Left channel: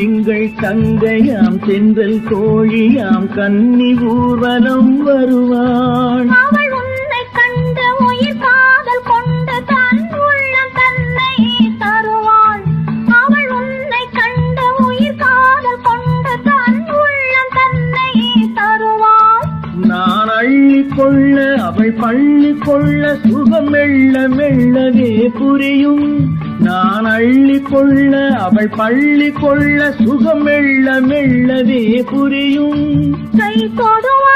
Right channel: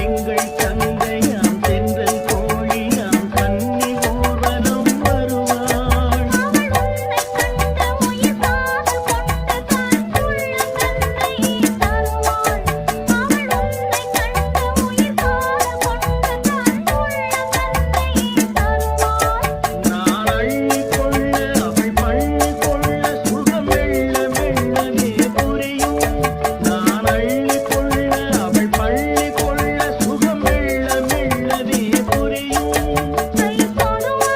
திங்கள் தங்கையாம் தென்றல் கோழியாம் கன்னி ஊர்வலம் வருவாள். அவள் உன்னை கண்டு உயிர் காதல் கொண்டு தன் உள்ளம் தன்னை தருவாள். அவள் உன்னை கண்டு உயிர் காதல் கொண்டு தன் உள்ளம் தன்னை தருவாள். நான் அள்ளி கொள்ள அவள் பள்ளி கொள்ள சுகம் மெல்ல மெல்லவே புரியும். நான் அள்ளி கொள்ள அவள் பள்ளி கொள்ள சுகம் மெல்ல மெல்லவே புரியும். கை தொடுவாள்